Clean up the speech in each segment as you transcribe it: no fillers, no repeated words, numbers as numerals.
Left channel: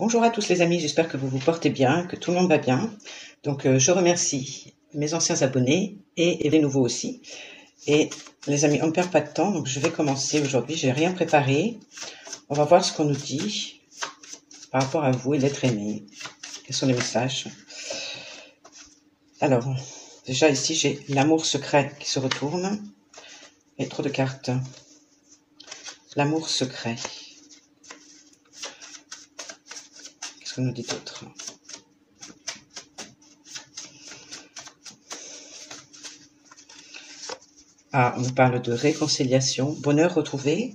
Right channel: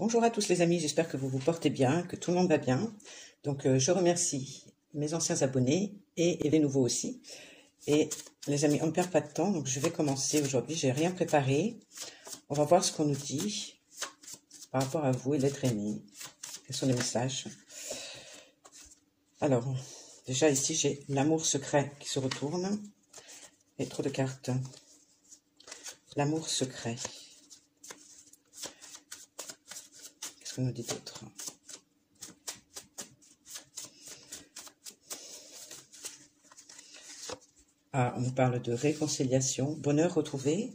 Bonjour à tous les amis, j'espère que vous vous portez bien, que tout le monde va bien. Donc je remercie mes anciens abonnés et les nouveaux aussi. Et les amis, on ne perd pas de temps, donc je vais commencer aujourd'hui. J'ai rien préparé. On va voir ce qu'on nous dit par rapport à vous et l'être aimé. Quels sont les messages? Alors, déjà ici, j'ai l'amour secret qui se retourne. Et trop de cartes. L'amour secret. Qu'est-ce qu'on nous dit d'autre? Ah, on nous parle de réconciliation, bonheur retrouvé.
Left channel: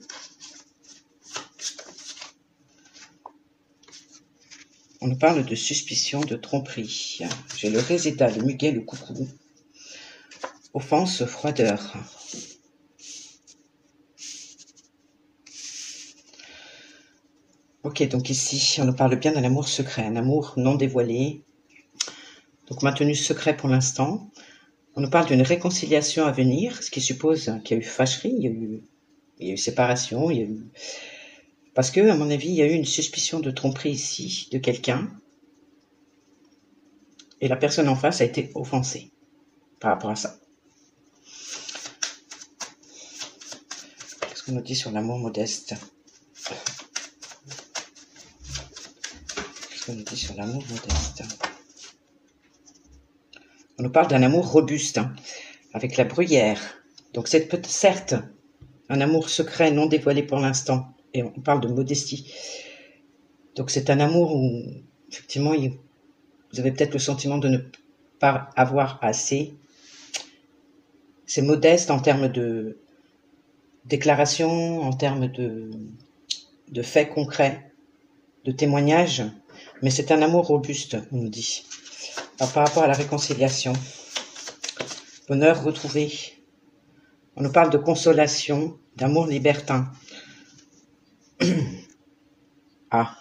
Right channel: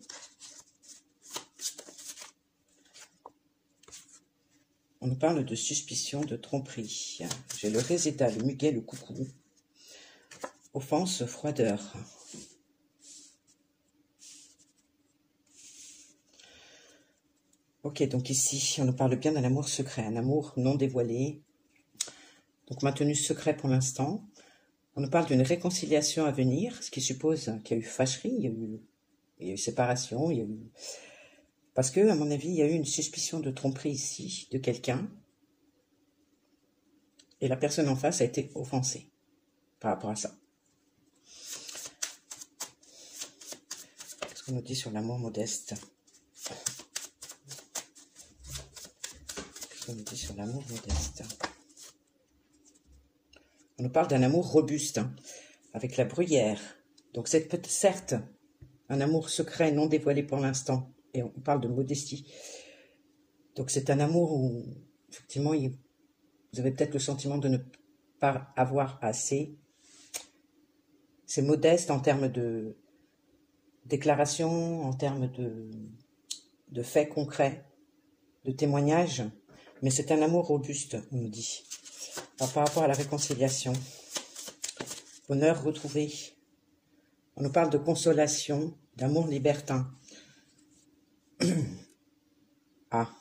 On nous parle de suspicion, de tromperie. J'ai le réséda, le muguet, le coucou. Offense, froideur. Ok, donc ici, on nous parle bien d'un amour secret, un amour non dévoilé. Donc maintenu secret pour l'instant. On nous parle d'une réconciliation à venir, ce qui suppose qu'il y a eu fâcherie, il y a eu séparation, il y a eu... Parce que, à mon avis, il y a eu une suspicion de tromperie ici, de quelqu'un. Et la personne en face a été offensée par rapport à ça. Qu'est-ce qu'on nous dit sur l'amour modeste? Qu'est-ce qu'on nous dit sur l'amour modeste? On nous parle d'un amour robuste, avec la bruyère. Donc c'est certes un amour secret, non dévoilé pour l'instant, et on parle de modestie. Donc c'est un amour où, effectivement, vous avez peut-être le sentiment de ne pas avoir assez. C'est modeste en termes de déclaration, en termes de faits concrets, de témoignages, mais c'est un amour robuste, on nous dit. Alors, par rapport à la réconciliation, bonheur retrouvé, on nous parle de consolation, d'amour libertin. Ah.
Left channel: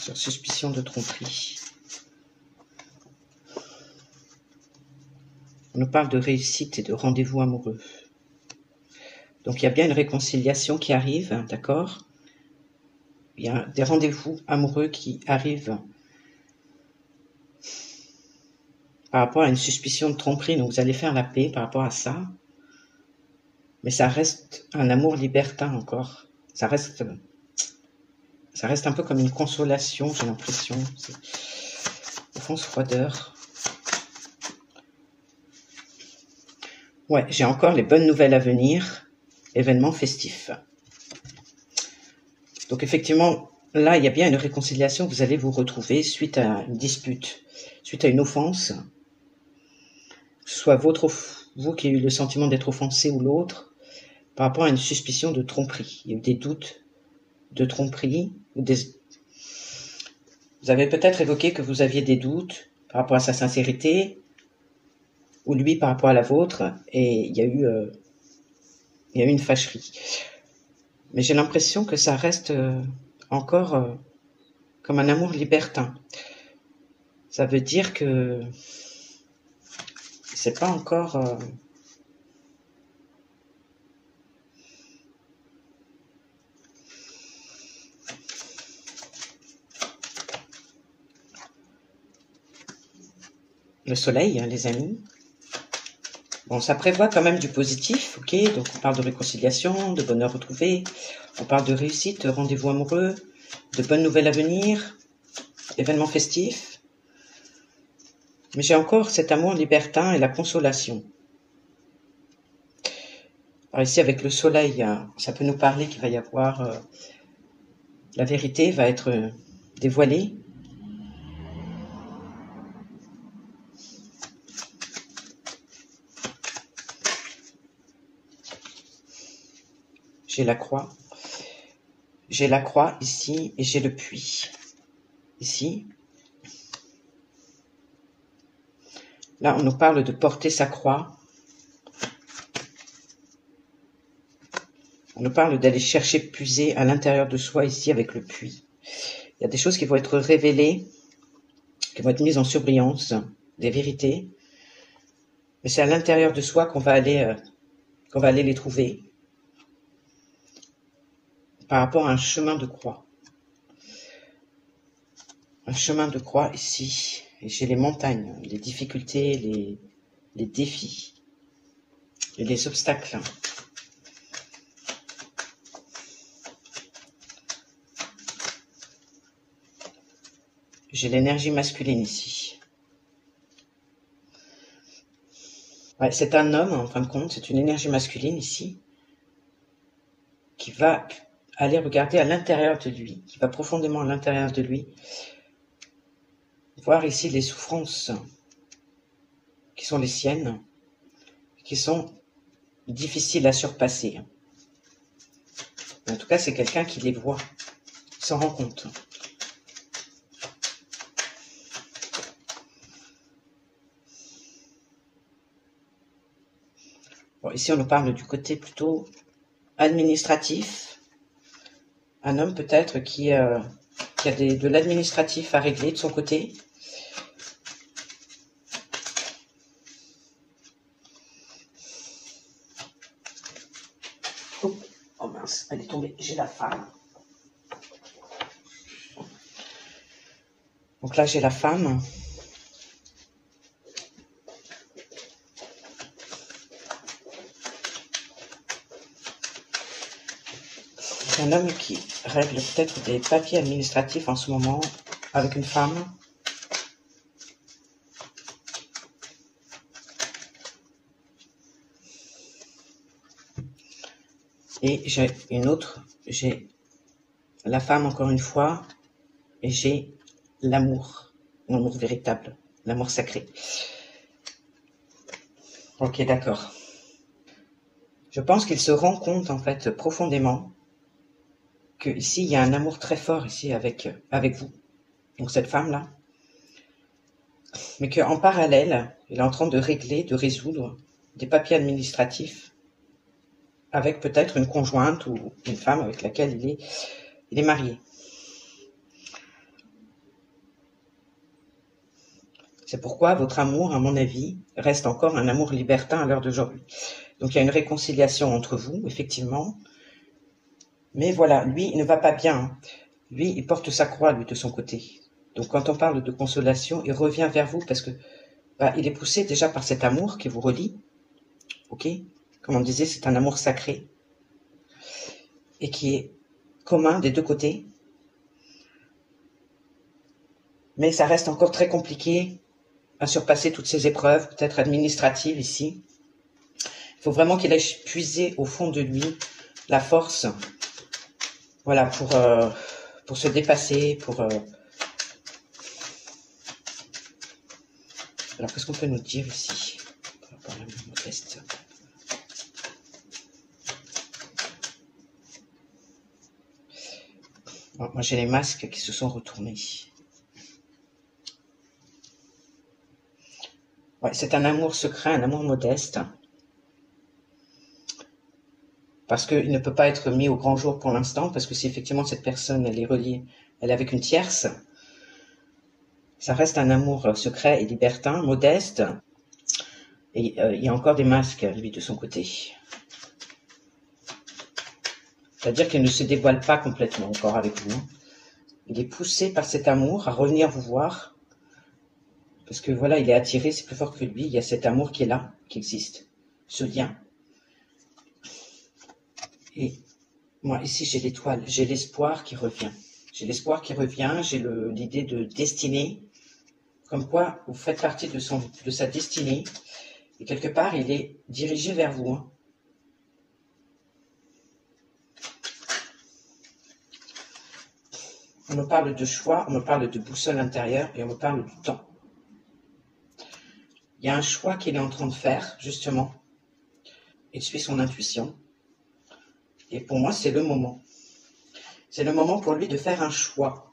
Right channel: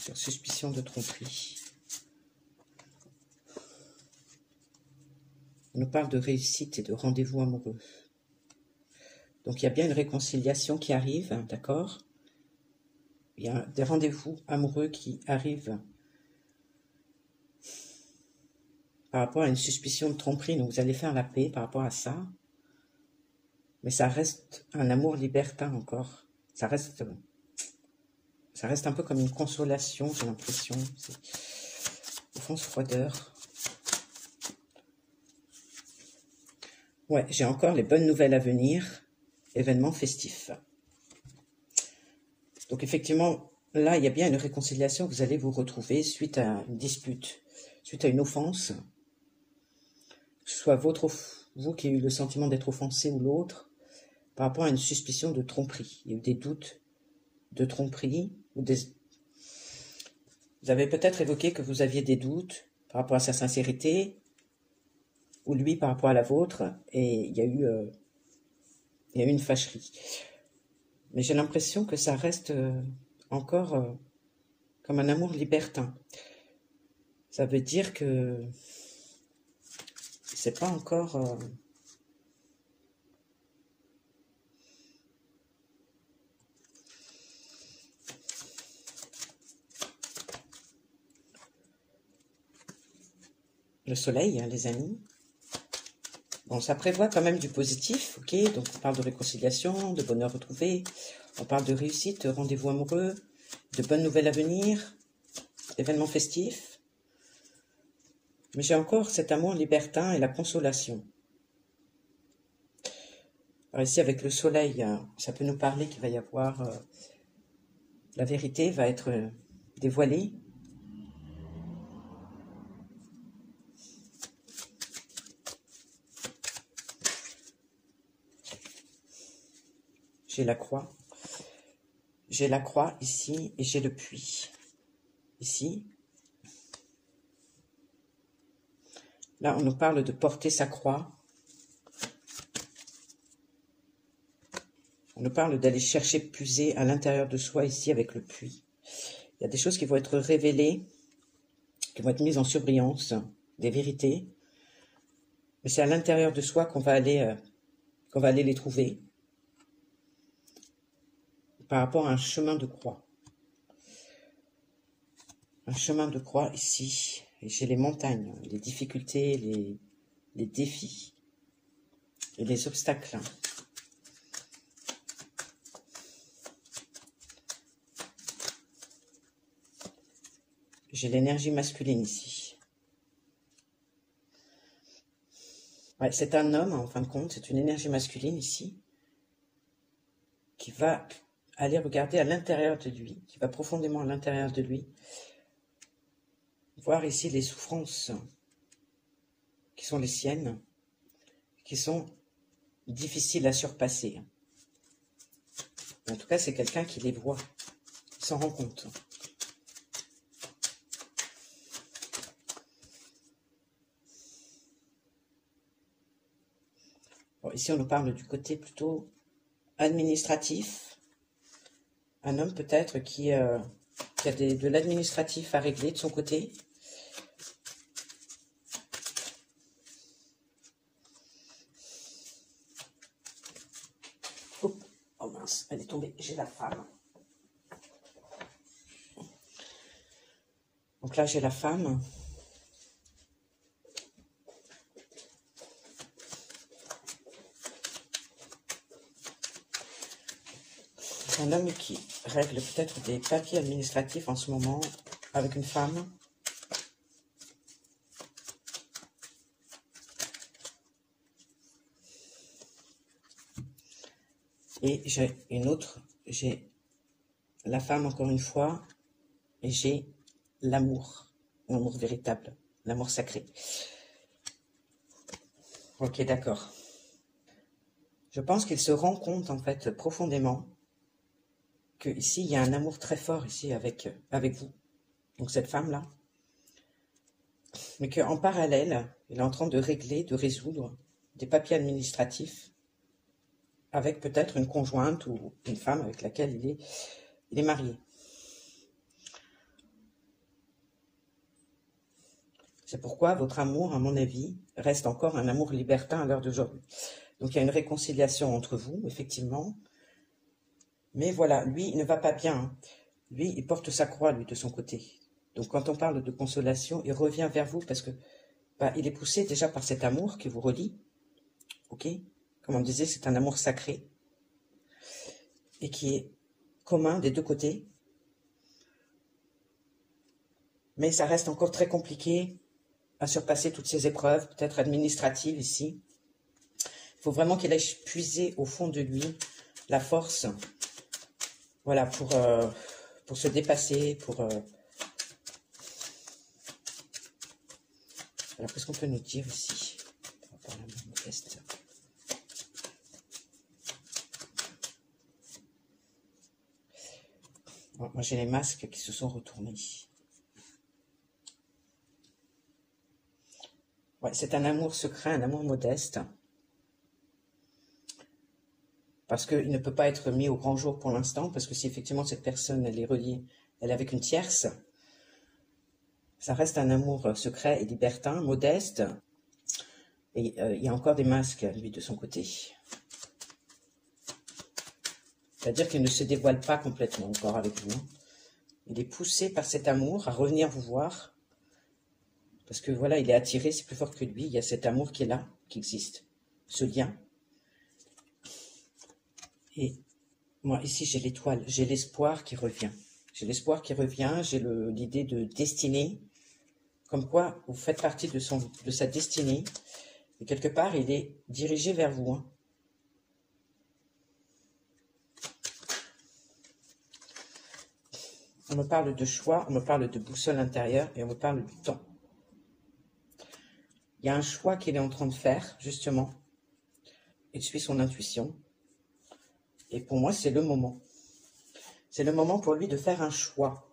Sur suspicion de tromperie. On nous parle de réussite et de rendez-vous amoureux. Donc il y a bien une réconciliation qui arrive, d'accord? Il y a des rendez-vous amoureux qui arrivent par rapport à une suspicion de tromperie. Donc vous allez faire la paix par rapport à ça. Mais ça reste un amour libertin encore. Ça reste un peu comme une consolation, j'ai l'impression. Au fond, froideur. Ouais, j'ai encore les bonnes nouvelles à venir. Événements festifs. Donc effectivement, là, il y a bien une réconciliation. Vous allez vous retrouver suite à une dispute, suite à une offense. Que ce soit vous qui avez eu le sentiment d'être offensé ou l'autre, par rapport à une suspicion de tromperie. Il y a eu des doutes de tromperie. Vous avez peut-être évoqué que vous aviez des doutes par rapport à sa sincérité, ou lui par rapport à la vôtre, et il y a eu une fâcherie. Mais j'ai l'impression que ça reste encore comme un amour libertin. Ça veut dire que c'est pas encore... le soleil, hein, les amis. Bon, ça prévoit quand même du positif, ok? Donc on parle de réconciliation, de bonheur retrouvé, on parle de réussite, de rendez-vous amoureux, de bonnes nouvelles à venir, événements festifs. Mais j'ai encore cet amour libertin et la consolation. Alors ici, avec le soleil, ça peut nous parler qu'il va y avoir... la vérité va être dévoilée. J'ai la croix. J'ai la croix ici et j'ai le puits ici. Là, on nous parle de porter sa croix. On nous parle d'aller chercher, puiser à l'intérieur de soi ici avec le puits. Il y a des choses qui vont être révélées, qui vont être mises en surbrillance, des vérités. Mais c'est à l'intérieur de soi qu'on va aller les trouver. par rapport à un chemin de croix. Un chemin de croix ici. Et j'ai les montagnes, les difficultés, les défis et les obstacles. J'ai l'énergie masculine ici. Ouais, c'est un homme, en fin de compte, c'est une énergie masculine ici, qui va aller regarder à l'intérieur de lui, qui va profondément à l'intérieur de lui, voir ici les souffrances qui sont les siennes, qui sont difficiles à surpasser. En tout cas, c'est quelqu'un qui les voit, qui s'en rend compte. Bon, ici, on nous parle du côté plutôt administratif. Un homme peut-être qui a de l'administratif à régler de son côté. Oh mince, elle est tombée. J'ai la femme. Donc là, j'ai la femme. C'est un homme qui règle peut-être des papiers administratifs en ce moment avec une femme. Et j'ai une autre, j'ai la femme encore une fois, et j'ai l'amour véritable, l'amour sacré. Ok, d'accord. Je pense qu'il se rend compte en fait profondément que ici il y a un amour très fort ici avec vous, donc cette femme-là, mais qu'en parallèle, il est en train de régler, de résoudre des papiers administratifs avec peut-être une conjointe ou une femme avec laquelle il est marié. C'est pourquoi votre amour, à mon avis, reste encore un amour libertin à l'heure d'aujourd'hui. Donc il y a une réconciliation entre vous, effectivement. Mais voilà, lui, il ne va pas bien. Lui, il porte sa croix, lui, de son côté. Donc quand on parle de consolation, il revient vers vous parce que il est poussé déjà par cet amour qui vous relie. Ok ? Comme on disait, c'est un amour sacré et qui est commun des deux côtés. Mais ça reste encore très compliqué à surpasser toutes ces épreuves, peut-être administratives ici. Il faut vraiment qu'il aille puiser au fond de lui la force, voilà, pour se dépasser, Alors, qu'est-ce qu'on peut nous dire ici par rapport à l'amour modeste ? Bon, moi, j'ai les masques qui se sont retournés. Ouais, c'est un amour secret, un amour modeste. Parce qu'il ne peut pas être mis au grand jour pour l'instant, parce que si effectivement cette personne, elle est reliée, elle est avec une tierce, ça reste un amour secret et libertin, modeste. Et il y a encore des masques, lui, de son côté. C'est-à-dire qu'il ne se dévoile pas complètement encore avec vous. Il est poussé par cet amour à revenir vous voir. Parce que voilà, il est attiré, c'est plus fort que lui. Il y a cet amour qui est là, qui existe. Ce lien. Et moi, ici, j'ai l'étoile. J'ai l'espoir qui revient. J'ai l'espoir qui revient. J'ai l'idée de destinée. Comme quoi, vous faites partie de sa destinée. Et quelque part, il est dirigé vers vous. On me parle de choix, on me parle de boussole intérieure et on me parle du temps. Il y a un choix qu'il est en train de faire, justement. Il suit son intuition. Et pour moi, c'est le moment. C'est le moment pour lui de faire un choix.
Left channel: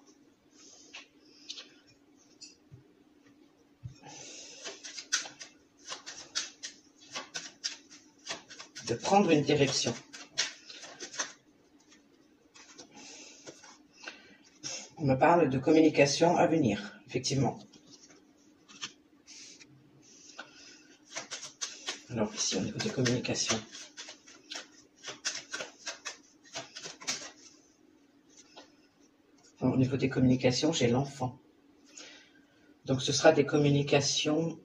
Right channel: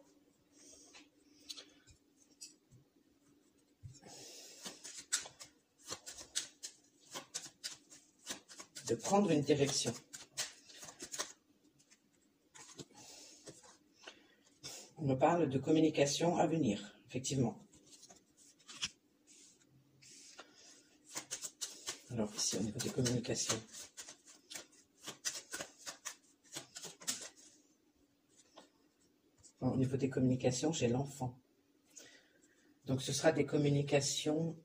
De prendre une direction. On me parle de communication à venir, effectivement. Alors ici, au niveau des communications. Au niveau des communications, j'ai l'enfant. Donc ce sera des communications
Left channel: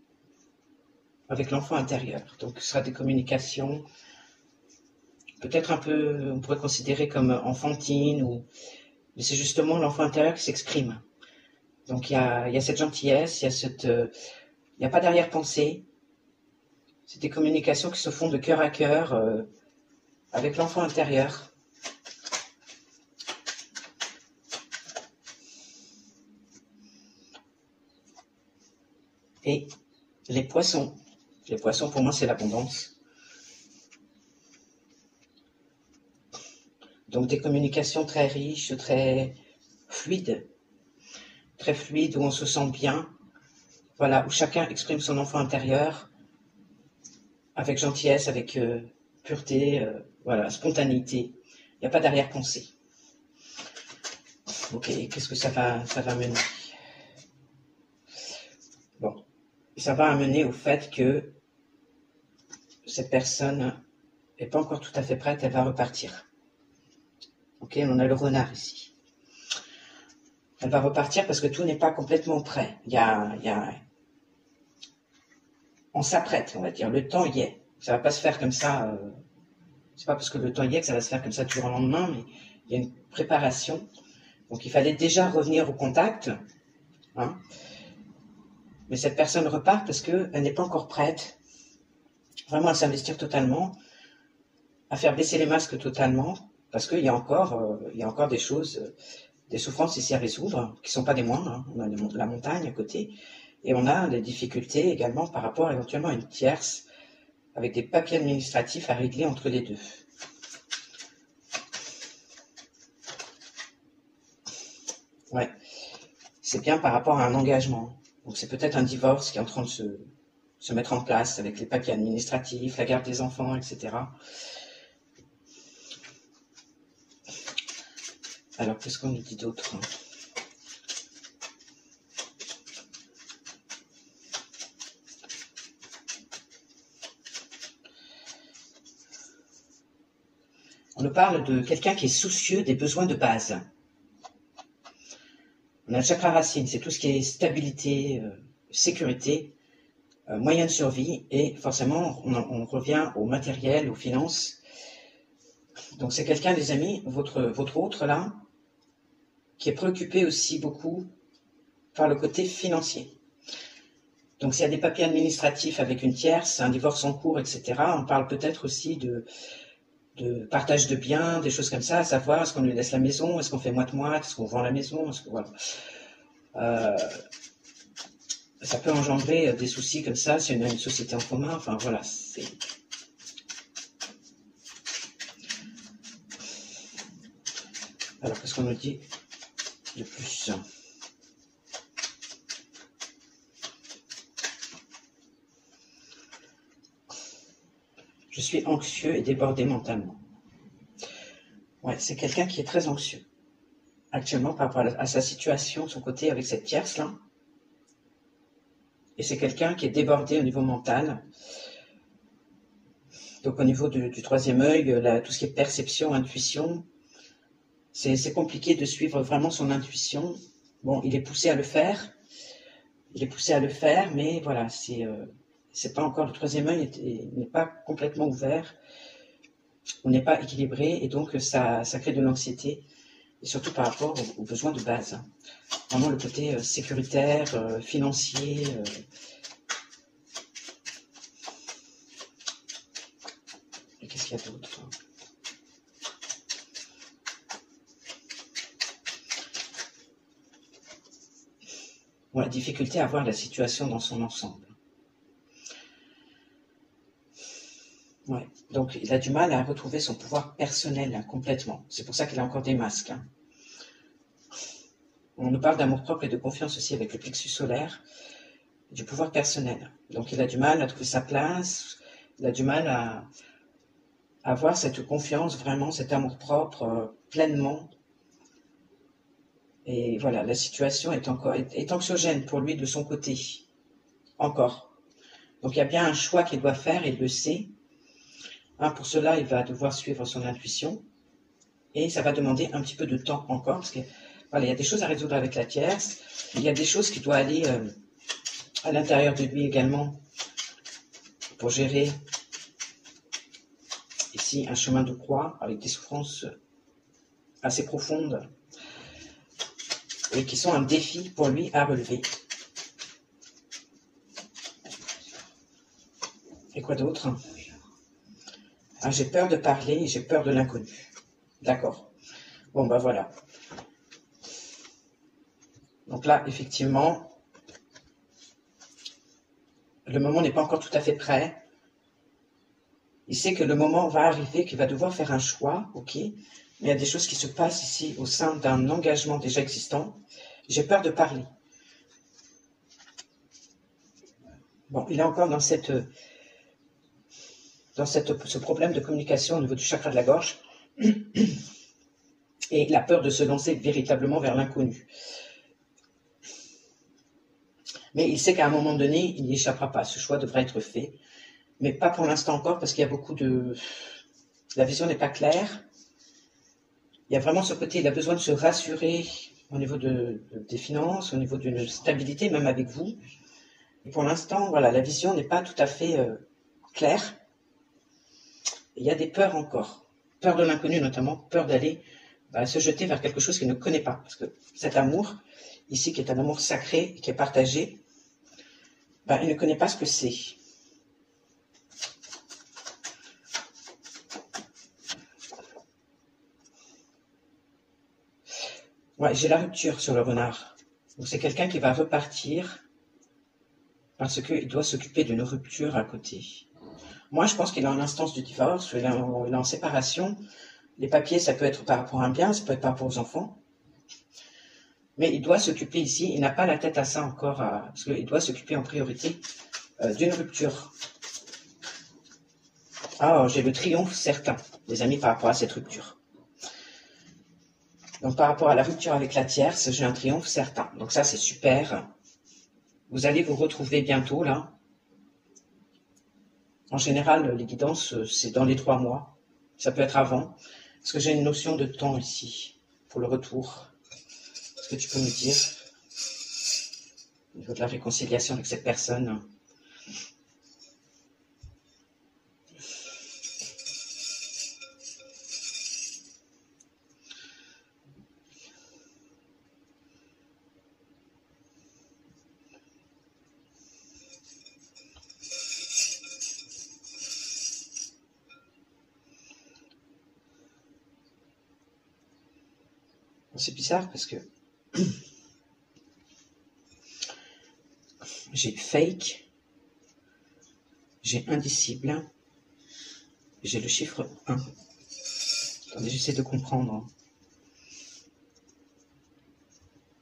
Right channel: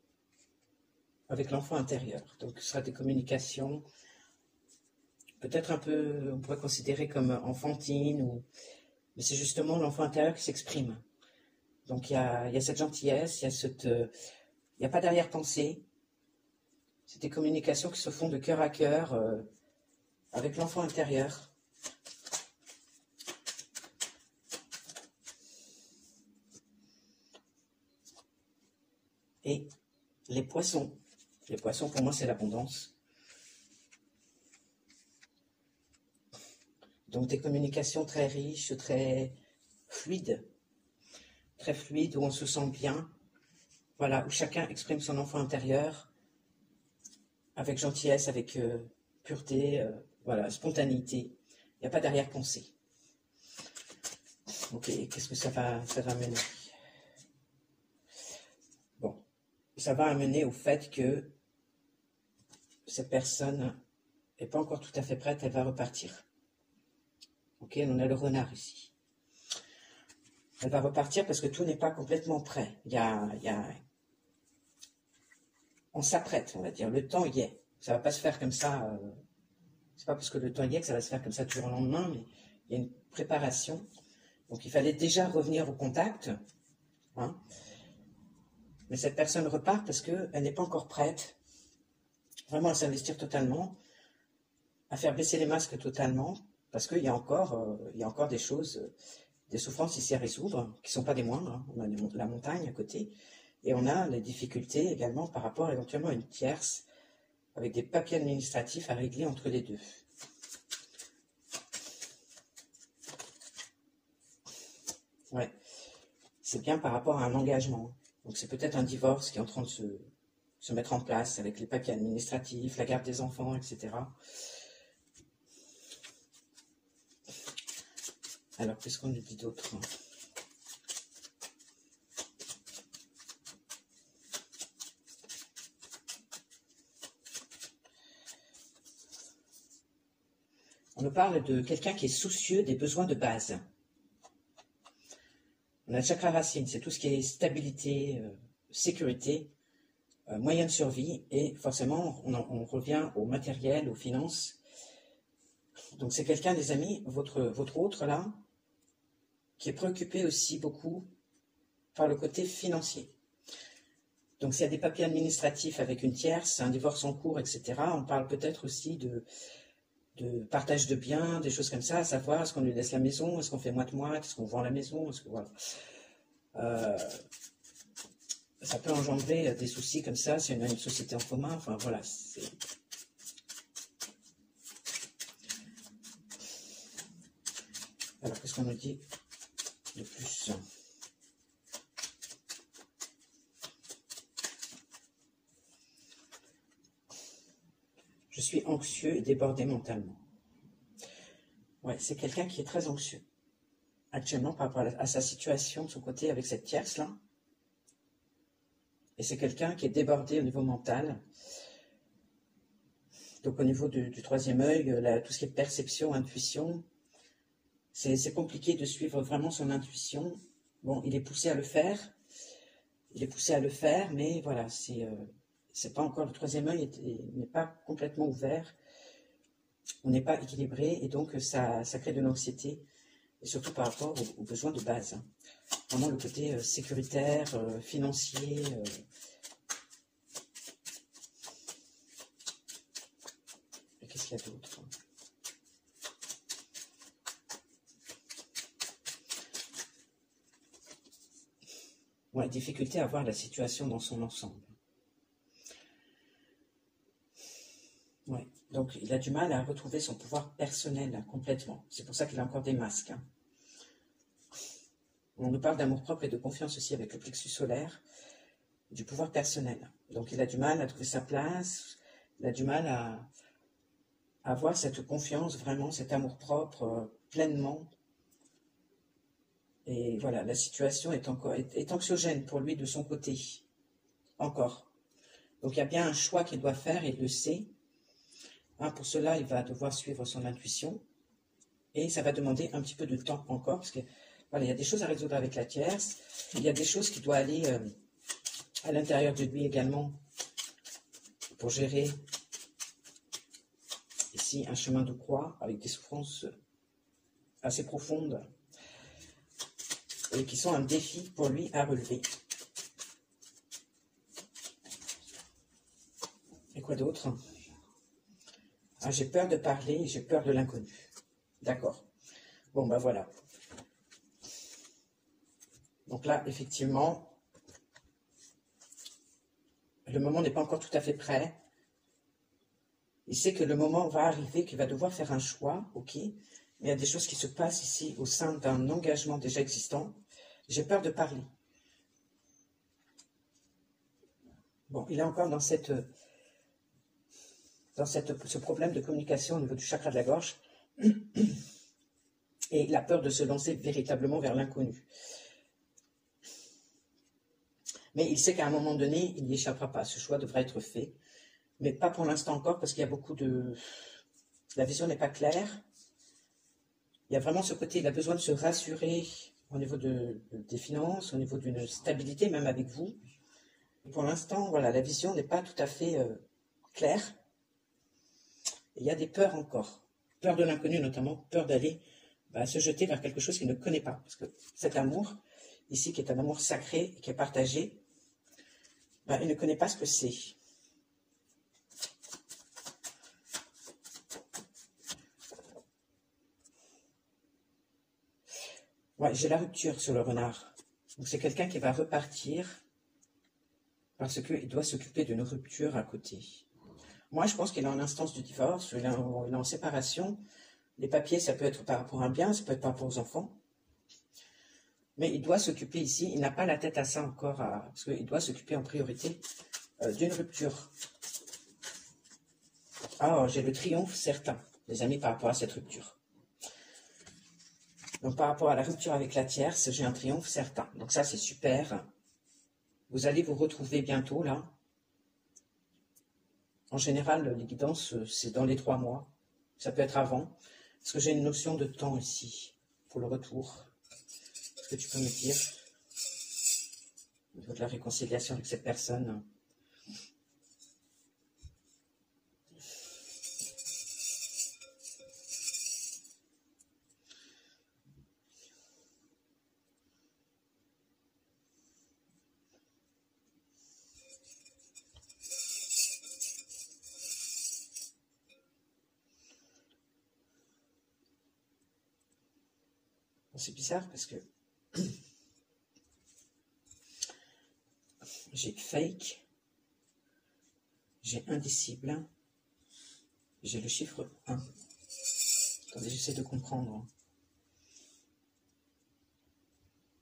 avec l'enfant intérieur. Donc ce sera des communications peut-être un peu, on pourrait considérer comme enfantines, mais c'est justement l'enfant intérieur qui s'exprime. Donc il y a cette gentillesse, il n'y a pas d'arrière-pensée. C'est des communications qui se font de cœur à cœur avec l'enfant intérieur. Et les poissons. Les poissons, pour moi, c'est l'abondance. Donc des communications très riches, très fluides, où on se sent bien. Voilà, où chacun exprime son enfant intérieur avec gentillesse, avec pureté, voilà, spontanéité. Il n'y a pas d'arrière-pensée. Ok, qu'est-ce que ça va mener? Bon, ça va amener au fait que cette personne n'est pas encore tout à fait prête, elle va repartir. Ok, on a le renard ici. Elle va repartir parce que tout n'est pas complètement prêt. On s'apprête, on va dire. Le temps y est. Ça va pas se faire comme ça. C'est pas parce que le temps y est que ça va se faire comme ça du jour au lendemain, mais il y a une préparation. Donc il fallait déjà revenir au contact. Hein. Mais cette personne repart parce qu'elle n'est pas encore prête vraiment à s'investir totalement, à faire baisser les masques totalement, parce qu'il y a encore des choses, des souffrances ici à résoudre, qui ne sont pas des moindres. Hein. On a la montagne à côté, et on a des difficultés également par rapport éventuellement à une tierce, avec des papiers administratifs à régler entre les deux. Ouais, c'est bien par rapport à un engagement. Donc c'est peut-être un divorce qui est en train de se mettre en place avec les papiers administratifs, la garde des enfants, etc. Alors, qu'est-ce qu'on nous dit d'autre? On nous parle de quelqu'un qui est soucieux des besoins de base. On a le chakra racine, c'est tout ce qui est stabilité, sécurité, moyen de survie, et forcément, on revient au matériel, aux finances. Donc c'est quelqu'un, les amis, votre autre là, qui est préoccupé aussi beaucoup par le côté financier. Donc s'il y a des papiers administratifs avec une tierce, un divorce en cours, etc., on parle peut-être aussi de partage de biens, des choses comme ça, à savoir est-ce qu'on lui laisse la maison, est-ce qu'on fait moite-moite, est-ce qu'on vend la maison, est-ce que voilà. Ça peut engendrer des soucis comme ça si on a une société en commun, enfin voilà, c'est... Alors qu'est-ce qu'on nous dit de plus? Je suis anxieux et débordé mentalement. Ouais, c'est quelqu'un qui est très anxieux actuellement par rapport à sa situation, de son côté avec cette tierce-là. Et c'est quelqu'un qui est débordé au niveau mental. Donc au niveau du troisième œil, tout ce qui est perception, intuition, c'est compliqué de suivre vraiment son intuition. Bon, il est poussé à le faire. Mais voilà, c'est pas encore, le troisième œil n'est pas complètement ouvert. On n'est pas équilibré et donc ça crée de l'anxiété. Et surtout par rapport aux besoins de base. Vraiment le côté sécuritaire, financier. Et qu'est-ce qu'il y a d'autre? Bon, la difficulté à voir la situation dans son ensemble. Ouais. Donc il a du mal à retrouver son pouvoir personnel hein, complètement. C'est pour ça qu'il a encore des masques. Hein. On nous parle d'amour-propre et de confiance aussi avec le plexus solaire, du pouvoir personnel. Donc il a du mal à trouver sa place, il a du mal à avoir cette confiance, vraiment cet amour-propre pleinement. Et voilà, la situation est anxiogène pour lui de son côté. Encore. Donc il y a bien un choix qu'il doit faire, et il le sait. Hein, pour cela, il va devoir suivre son intuition. Et ça va demander un petit peu de temps encore, parce que Voilà, il y a des choses à résoudre avec la tierce. Il y a des choses qui doivent aller à l'intérieur de lui également pour gérer ici un chemin de croix avec des souffrances assez profondes et qui sont un défi pour lui à relever. Et quoi d'autre? Ah, j'ai peur de parler, j'ai peur de l'inconnu. D'accord. Bon, ben voilà. Donc là, effectivement, le moment n'est pas encore tout à fait prêt. Il sait que le moment va arriver, qu'il va devoir faire un choix, ok, mais il y a des choses qui se passent ici au sein d'un engagement déjà existant. J'ai peur de parler. Bon, il est encore dans ce problème de communication au niveau du chakra de la gorge. Et il a peur de se lancer véritablement vers l'inconnu. Mais il sait qu'à un moment donné, il n'y échappera pas. Ce choix devrait être fait. Mais pas pour l'instant encore, parce qu'il y a beaucoup de... La vision n'est pas claire. Il y a vraiment ce côté, il a besoin de se rassurer au niveau des finances, au niveau d'une stabilité, même avec vous. Et pour l'instant, voilà, la vision n'est pas tout à fait claire. Il y a des peurs encore. Peur de l'inconnu notamment, peur d'aller se jeter vers quelque chose qu'il ne connaît pas. Parce que cet amour, ici, qui est un amour sacré, qui est partagé, il ne connaît pas ce que c'est. Ouais, j'ai la rupture sur le renard. Donc c'est quelqu'un qui va repartir parce qu'il doit s'occuper d'une rupture à côté. Moi, je pense qu'il est en instance de divorce, il est en séparation. Les papiers, ça peut être par rapport à un bien, ça peut être par rapport aux enfants. Mais il doit s'occuper ici, il n'a pas la tête à ça encore, parce qu'il doit s'occuper en priorité d'une rupture. Ah, j'ai le triomphe certain, les amis, par rapport à cette rupture. Donc, par rapport à la rupture avec la tierce, j'ai un triomphe certain. Donc ça, c'est super. Vous allez vous retrouver bientôt, là. En général, les guidances, c'est dans les 3 mois. Ça peut être avant. Parce que j'ai une notion de temps ici, pour le retour. Est-ce que tu peux me dire, au niveau de la réconciliation avec cette personne? C'est bizarre parce que j'ai fake, j'ai indicible, j'ai le chiffre 1. Attendez, j'essaie de comprendre.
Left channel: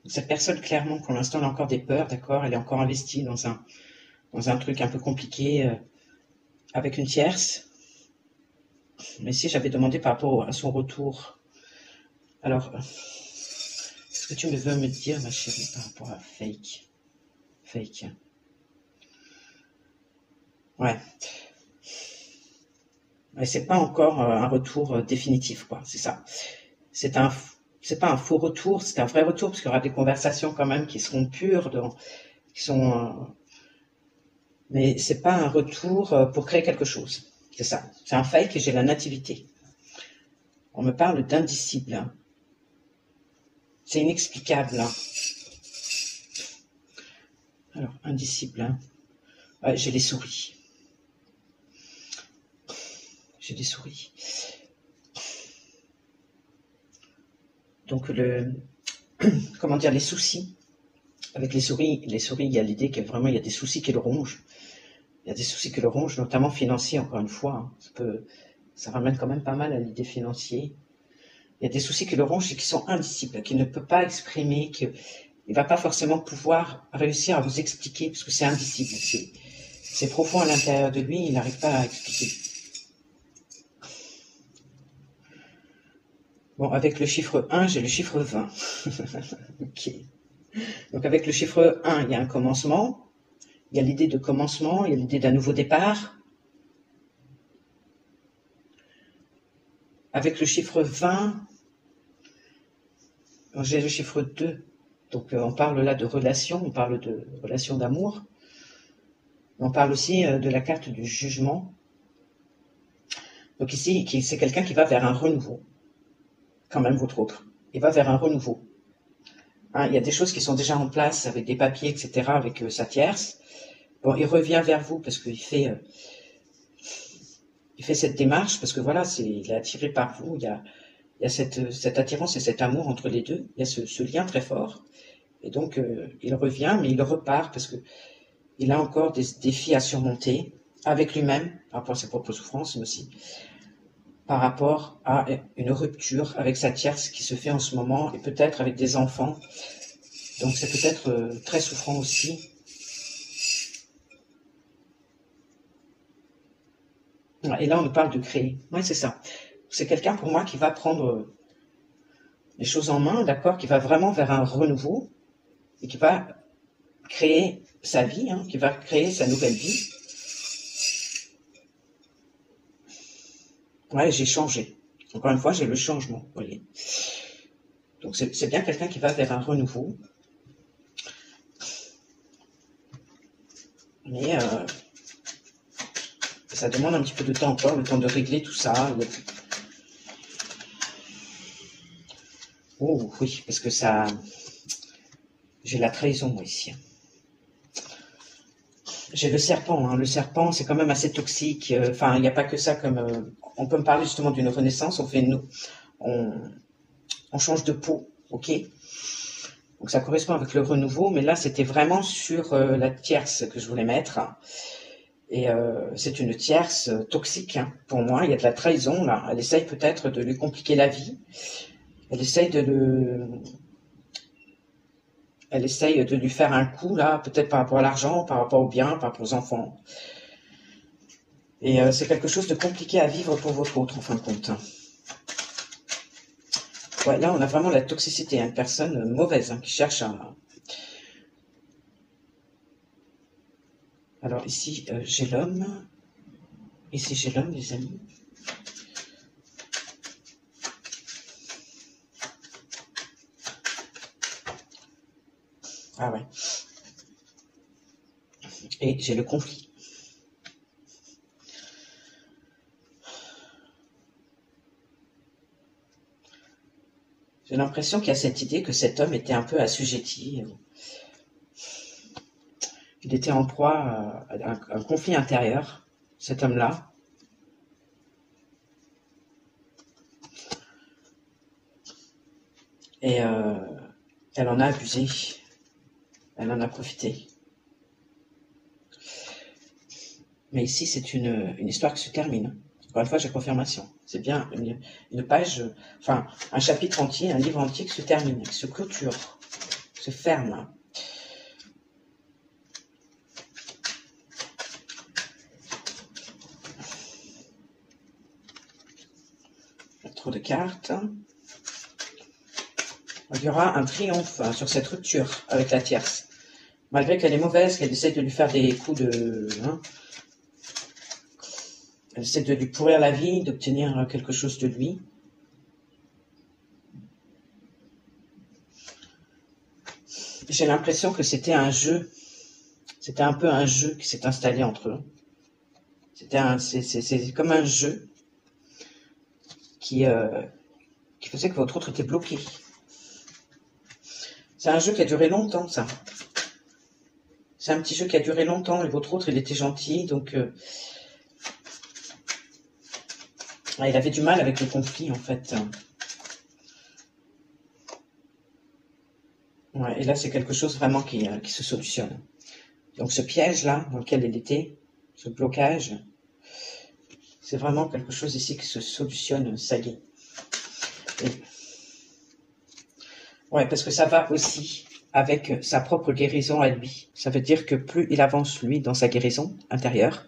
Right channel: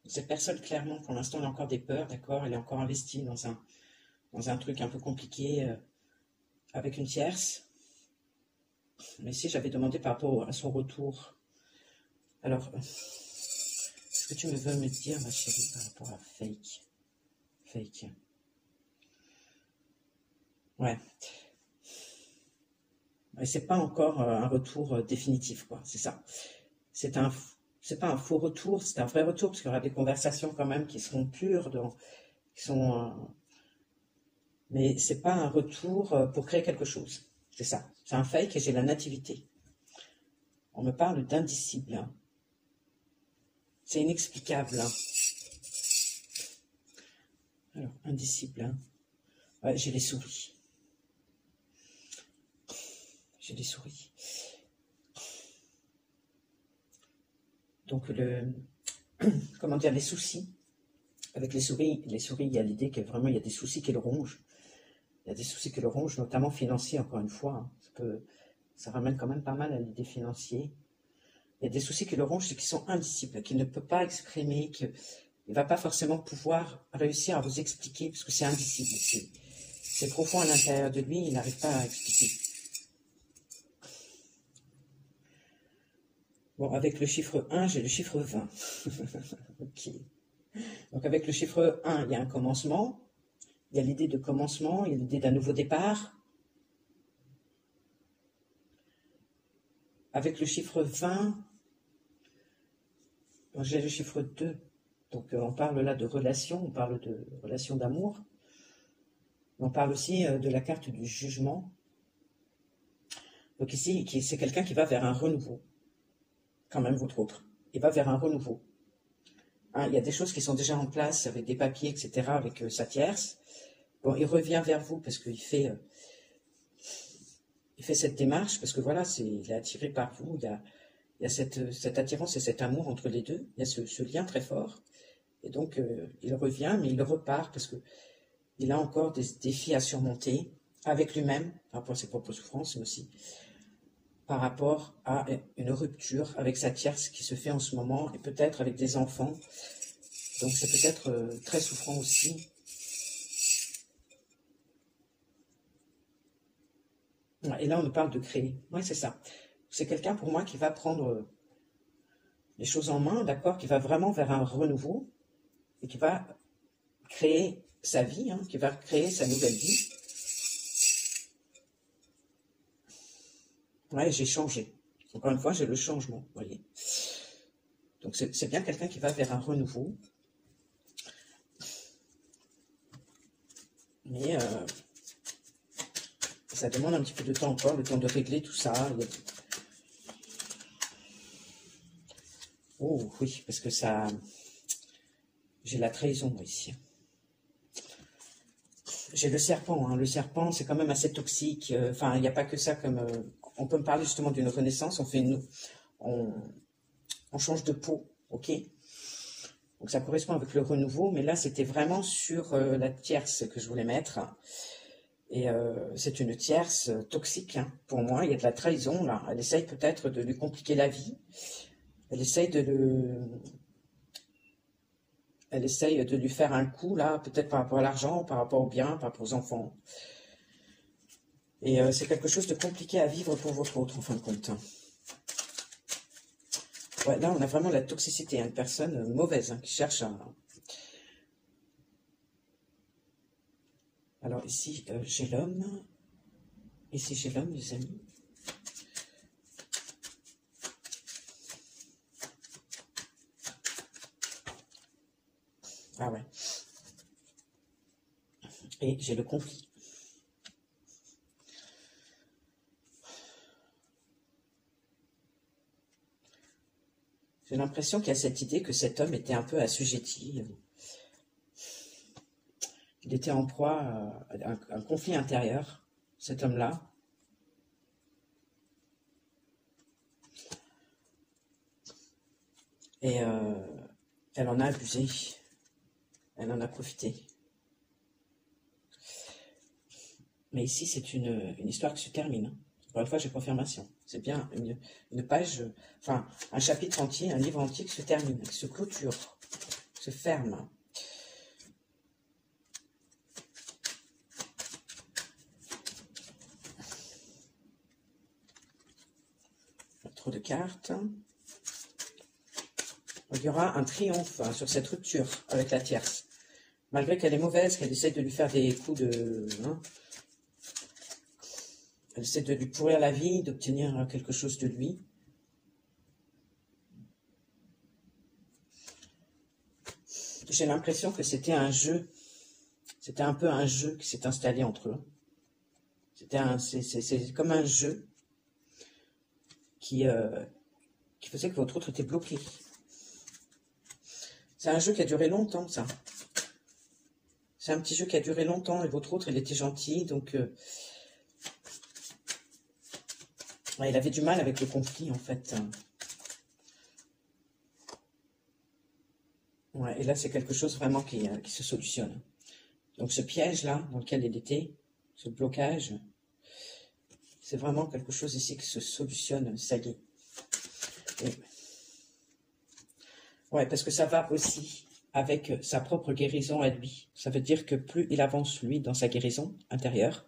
Cette personne, clairement, pour l'instant, elle a encore des peurs, d'accord? Elle est encore investie dans un truc un peu compliqué avec une tierce. Mais si j'avais demandé par rapport à son retour, alors, est-ce que tu veux me dire, ma chérie, par rapport à fake? Fake. Ouais. Mais c'est pas encore un retour définitif, quoi. C'est ça. C'est pas un faux retour, c'est un vrai retour, parce qu'il y aura des conversations quand même qui seront pures, qui sont... mais c'est pas un retour pour créer quelque chose. C'est ça. C'est un fake et j'ai la nativité. On me parle d'indicible. Hein. C'est inexplicable. Hein. Alors, indicible. Hein. Ouais, j'ai les souris. J'ai des souris. Donc, comment dire, les soucis. Avec les souris, il y a l'idée qu'il vraiment, il y a des soucis qui le rongent. Il y a des soucis qui le rongent, notamment financiers, encore une fois. Hein. Ça ramène quand même pas mal à l'idée financière. Il y a des soucis qui le rongent et qui sont indicibles, qu'il ne peut pas exprimer, qu'il ne va pas forcément pouvoir réussir à vous expliquer, parce que c'est indicible. C'est profond à l'intérieur de lui, il n'arrive pas à expliquer. Bon, avec le chiffre 1, j'ai le chiffre 20. Ok. Donc avec le chiffre 1, il y a un commencement, il y a l'idée de commencement, il y a l'idée d'un nouveau départ. Avec le chiffre 20, J'ai le chiffre 2. Donc on parle là de relation, on parle de relation d'amour. On parle aussi de la carte du jugement. Donc ici, c'est quelqu'un qui va vers un renouveau. Quand même, votre autre. Il va vers un renouveau. Hein, il y a des choses qui sont déjà en place avec des papiers, etc., avec sa tierce. Bon, il revient vers vous parce qu'il fait cette démarche, parce que voilà, il est attiré par vous. Il y a cette attirance et cet amour entre les deux. Il y a ce lien très fort. Et donc, il revient, mais il repart parce que il a encore des défis à surmonter avec lui-même, par rapport à ses propres souffrances, mais aussi par rapport à une rupture avec sa tierce qui se fait en ce moment, et peut-être avec des enfants. Donc c'est peut-être très souffrant aussi. Et là, on nous parle de créer. Oui, c'est ça. C'est quelqu'un pour moi qui va prendre les choses en main, d'accord, qui va vraiment vers un renouveau et qui va créer sa vie, hein, qui va créer sa nouvelle vie. Ouais, j'ai changé. Encore une fois, j'ai le changement, vous voyez. Donc c'est bien quelqu'un qui va vers un renouveau. Mais ça demande un petit peu de temps encore, le temps de régler tout ça. Oh oui, parce que ça... J'ai la trahison, moi, ici. J'ai le serpent. Hein. Le serpent, c'est quand même assez toxique. Enfin, il n'y a pas que ça comme... on peut me parler justement d'une renaissance. On change de peau, ok? Donc ça correspond avec le renouveau. Mais là, c'était vraiment sur la tierce que je voulais mettre. Et c'est une tierce toxique, hein, pour moi. Il y a de la trahison, là. Elle essaye peut-être de lui compliquer la vie. Elle essaye de lui faire un coup, là, peut-être par rapport à l'argent, par rapport aux biens, par rapport aux enfants. Et c'est quelque chose de compliqué à vivre pour votre autre, en fin de compte. Ouais, là, on a vraiment la toxicité, hein, une personne mauvaise, hein, qui cherche à... Alors ici, j'ai l'homme. Ici, j'ai l'homme, les amis. Ah ouais. Et j'ai le conflit. J'ai l'impression qu'il y a cette idée que cet homme était un peu assujetti. Il était en proie à un conflit intérieur, cet homme-là. Et elle en a abusé. Elle en a profité. Mais ici, c'est une histoire qui se termine. Encore une fois, j'ai confirmation. C'est bien une page, enfin, un chapitre entier, un livre entier qui se termine, qui se clôture, qui se ferme. Trop de cartes. Il y aura un triomphe sur cette rupture avec la tierce. Malgré qu'elle est mauvaise, qu'elle essaie de lui faire des coups de... Hein, elle essaie de lui pourrir la vie, d'obtenir quelque chose de lui. J'ai l'impression que c'était un jeu. C'était un peu un jeu qui s'est installé entre eux. C'est comme un jeu qui faisait que votre autre était bloqué. C'est un jeu qui a duré longtemps, ça. C'est un petit jeu qui a duré longtemps et votre autre, il était gentil, donc... il avait du mal avec le conflit, en fait. Ouais, et là, c'est quelque chose vraiment qui se solutionne. Donc, ce piège-là, dans lequel elle était, ce blocage, c'est vraiment quelque chose ici qui se solutionne, ça y est. Et... ouais, parce que ça va aussi avec sa propre guérison à lui. Ça veut dire que plus il avance, lui, dans sa guérison intérieure,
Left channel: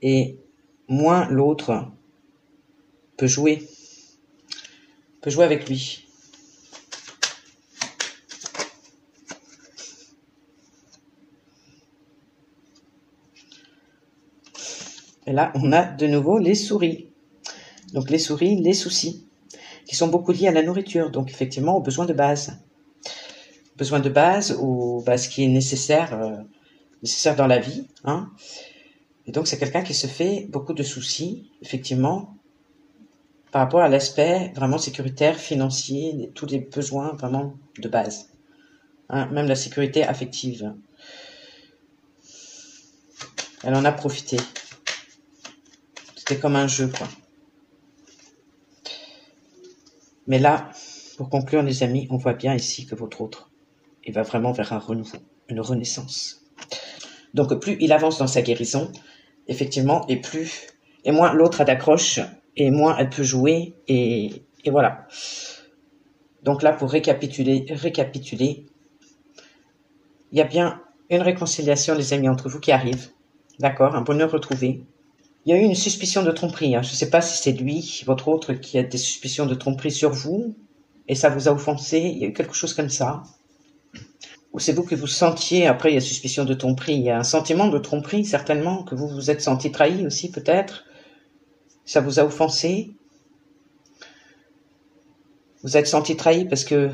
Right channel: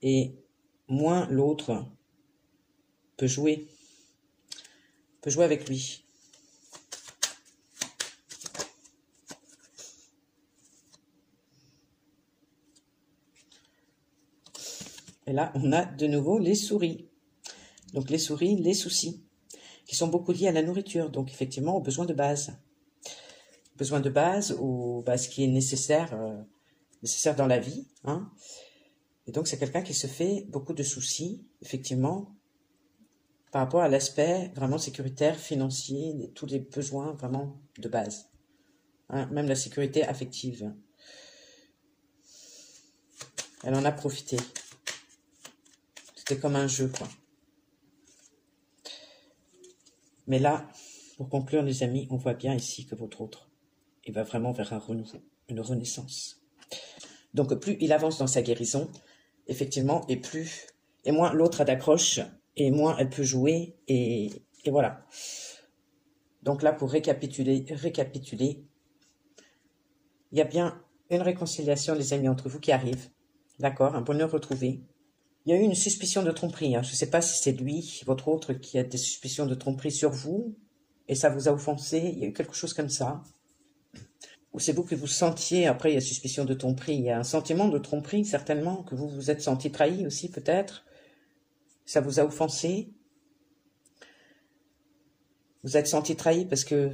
et moins l'autre peut jouer avec lui. Et là, on a de nouveau les souris. Donc les souris, les soucis. qui sont beaucoup liés à la nourriture, donc effectivement aux besoins de base. Besoins de base ou ce qui est nécessaire, nécessaire dans la vie. Hein. Et donc c'est quelqu'un qui se fait beaucoup de soucis, effectivement, par rapport à l'aspect vraiment sécuritaire, financier, tous les besoins vraiment de base. Hein, même la sécurité affective. Elle en a profité. C'était comme un jeu, quoi. Mais là, pour conclure, les amis, on voit bien ici que votre autre, il va vraiment vers un renouveau, une renaissance. Donc, plus il avance dans sa guérison, effectivement, et moins l'autre a d'accroche, et moins elle peut jouer, et voilà. Donc là, pour récapituler, il y a bien une réconciliation, les amis, entre vous qui arrive. D'accord, un bonheur retrouvé. Il y a eu une suspicion de tromperie. Hein. Je ne sais pas si c'est lui, votre autre, qui a des suspicions de tromperie sur vous, et ça vous a offensé. Il y a eu quelque chose comme ça. Ou c'est vous que vous sentiez, après il y a suspicion de tromperie, il y a un sentiment de tromperie, certainement, que vous vous êtes senti trahi aussi, peut-être. Ça vous a offensé. Vous êtes senti trahi parce que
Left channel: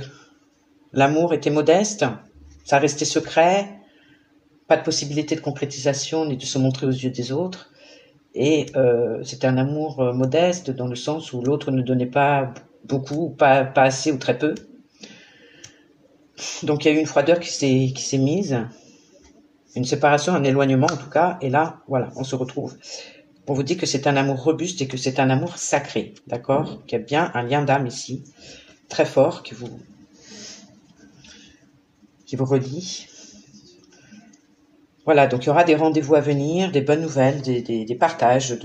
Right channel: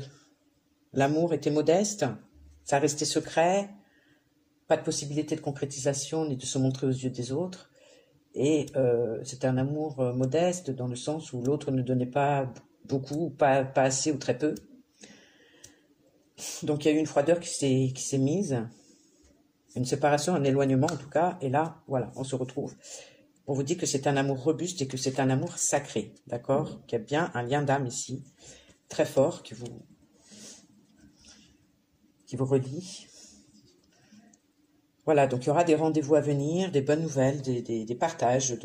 l'amour était modeste, ça restait secret, pas de possibilité de concrétisation ni de se montrer aux yeux des autres. Et c'était un amour modeste dans le sens où l'autre ne donnait pas beaucoup, pas assez ou très peu. Donc il y a eu une froideur qui s'est mise, une séparation, un éloignement en tout cas. Et là, voilà, on se retrouve. On vous dit que c'est un amour robuste et que c'est un amour sacré, d'accord? Qu'il y a bien un lien d'âme ici, très fort, qui vous relie. Voilà, donc il y aura des rendez-vous à venir, des bonnes nouvelles, des partages,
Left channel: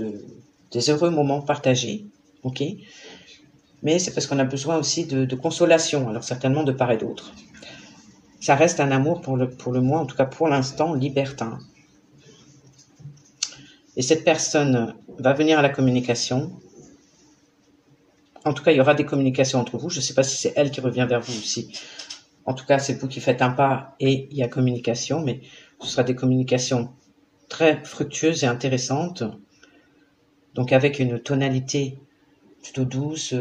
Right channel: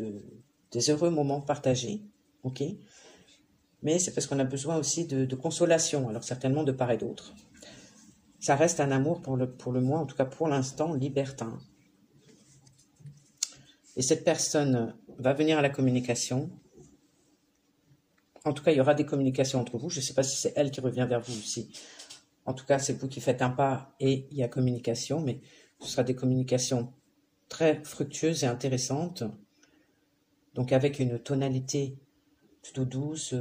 des heureux moments partagés, ok? Mais c'est parce qu'on a besoin aussi de consolation, alors certainement de part et d'autre. Ça reste un amour, pour le moins, en tout cas pour l'instant, libertin. Et cette personne va venir à la communication. En tout cas, il y aura des communications entre vous. Je ne sais pas si c'est elle qui revient vers vous aussi. En tout cas, c'est vous qui faites un pas et il y a communication, mais ce sera des communications très fructueuses et intéressantes. Donc avec une tonalité plutôt douce,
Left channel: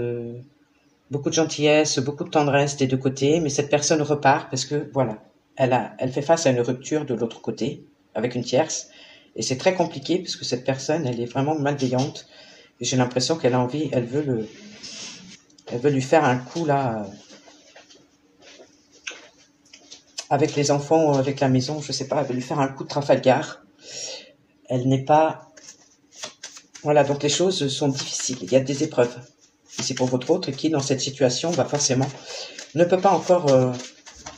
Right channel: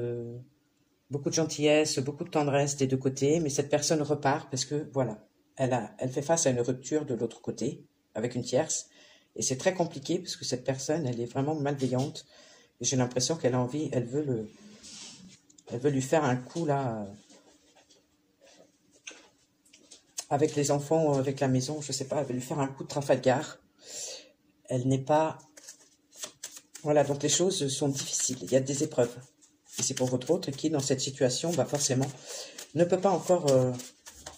beaucoup de gentillesse, beaucoup de tendresse des deux côtés, mais cette personne repart parce que, voilà, elle fait face à une rupture de l'autre côté, avec une tierce, et c'est très compliqué parce que cette personne, elle est vraiment malveillante, et j'ai l'impression qu'elle a envie, elle veut lui faire un coup, là, avec les enfants, avec la maison, je sais pas, elle veut lui faire un coup de Trafalgar. Elle n'est pas... Voilà, donc les choses sont difficiles, il y a des épreuves. Et c'est pour votre autre qui, dans cette situation, forcément, ne peut pas encore...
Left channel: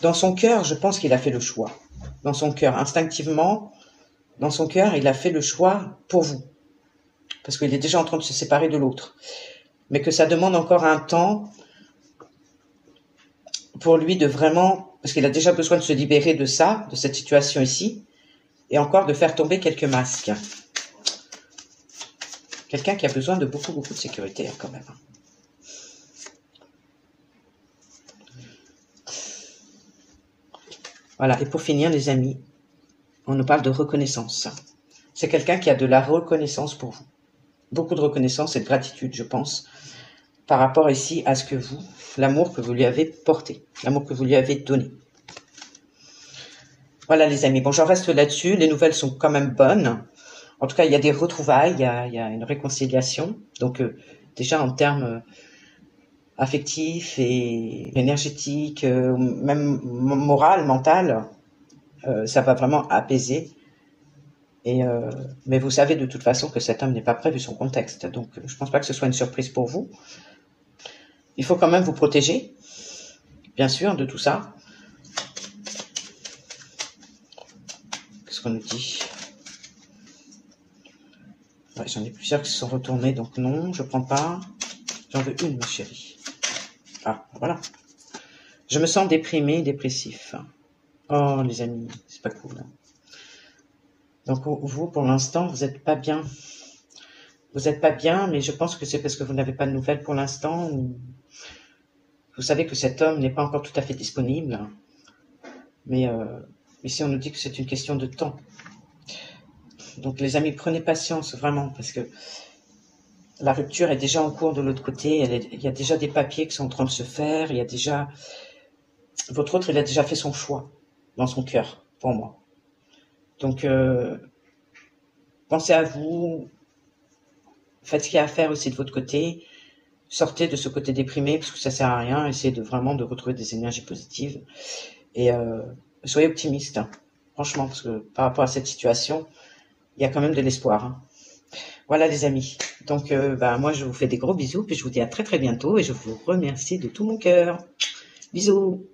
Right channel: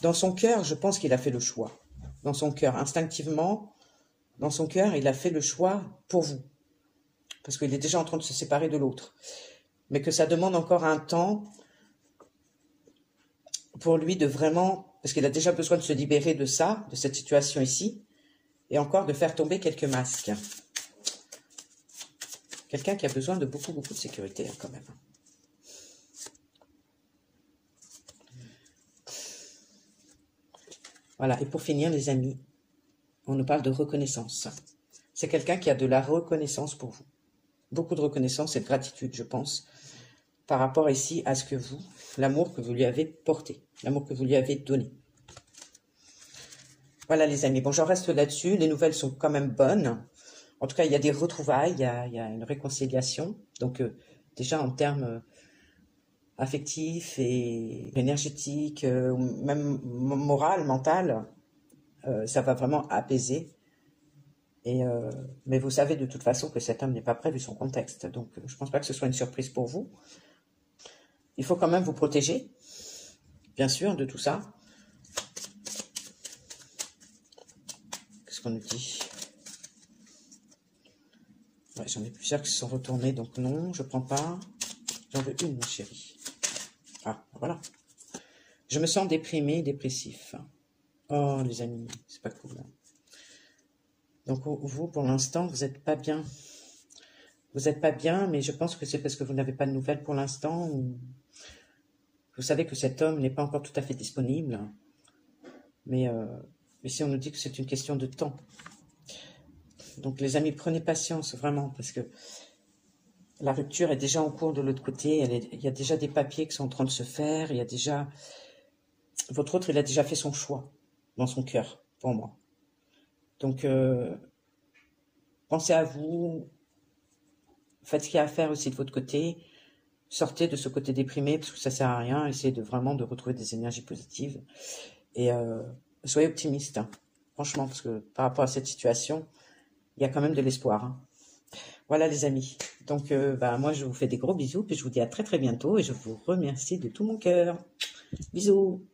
dans son cœur, je pense qu'il a fait le choix. Dans son cœur, instinctivement, dans son cœur, il a fait le choix pour vous. Parce qu'il est déjà en train de se séparer de l'autre. Mais que ça demande encore un temps pour lui de vraiment... Parce qu'il a déjà besoin de se libérer de ça, de cette situation ici, et encore de faire tomber quelques masques. Quelqu'un qui a besoin de beaucoup, beaucoup de sécurité, quand même. Voilà, et pour finir, les amis, on nous parle de reconnaissance. C'est quelqu'un qui a de la reconnaissance pour vous. Beaucoup de reconnaissance et de gratitude, je pense, par rapport ici à ce que vous, l'amour que vous lui avez porté, l'amour que vous lui avez donné. Voilà, les amis. Bon, j'en reste là-dessus. Les nouvelles sont quand même bonnes. En tout cas, il y a des retrouvailles, il y a une réconciliation. Donc, déjà en termes affectifs et énergétiques, même moral, mental, ça va vraiment apaiser. Mais vous savez de toute façon que cet homme n'est pas prêt vu son contexte. Donc, je ne pense pas que ce soit une surprise pour vous. Il faut quand même vous protéger, bien sûr, de tout ça. Qu'est-ce qu'on nous dit ? Ouais, j'en ai plusieurs qui se sont retournés, donc non, je ne prends pas. J'en veux une, ma chérie. Ah, voilà. Je me sens déprimé, dépressif. Oh, les amis, c'est pas cool. Hein. Donc, vous, pour l'instant, vous n'êtes pas bien. Vous n'êtes pas bien, mais je pense que c'est parce que vous n'avez pas de nouvelles pour l'instant. Vous savez que cet homme n'est pas encore tout à fait disponible. Mais ici, on nous dit que c'est une question de temps. Donc, les amis, prenez patience, vraiment, parce que La rupture est déjà en cours de l'autre côté. Il y a déjà des papiers qui sont en train de se faire. Il y a déjà... Votre autre, il a déjà fait son choix dans son cœur, pour moi. Donc, pensez à vous. Faites ce qu'il y a à faire aussi de votre côté. Sortez de ce côté déprimé, parce que ça sert à rien. Essayez vraiment de retrouver des énergies positives. Et soyez optimiste, hein. Franchement, parce que par rapport à cette situation, il y a quand même de l'espoir, hein. Voilà les amis. Donc moi je vous fais des gros bisous, puis je vous dis à très très bientôt et je vous remercie de tout mon cœur. Bisous.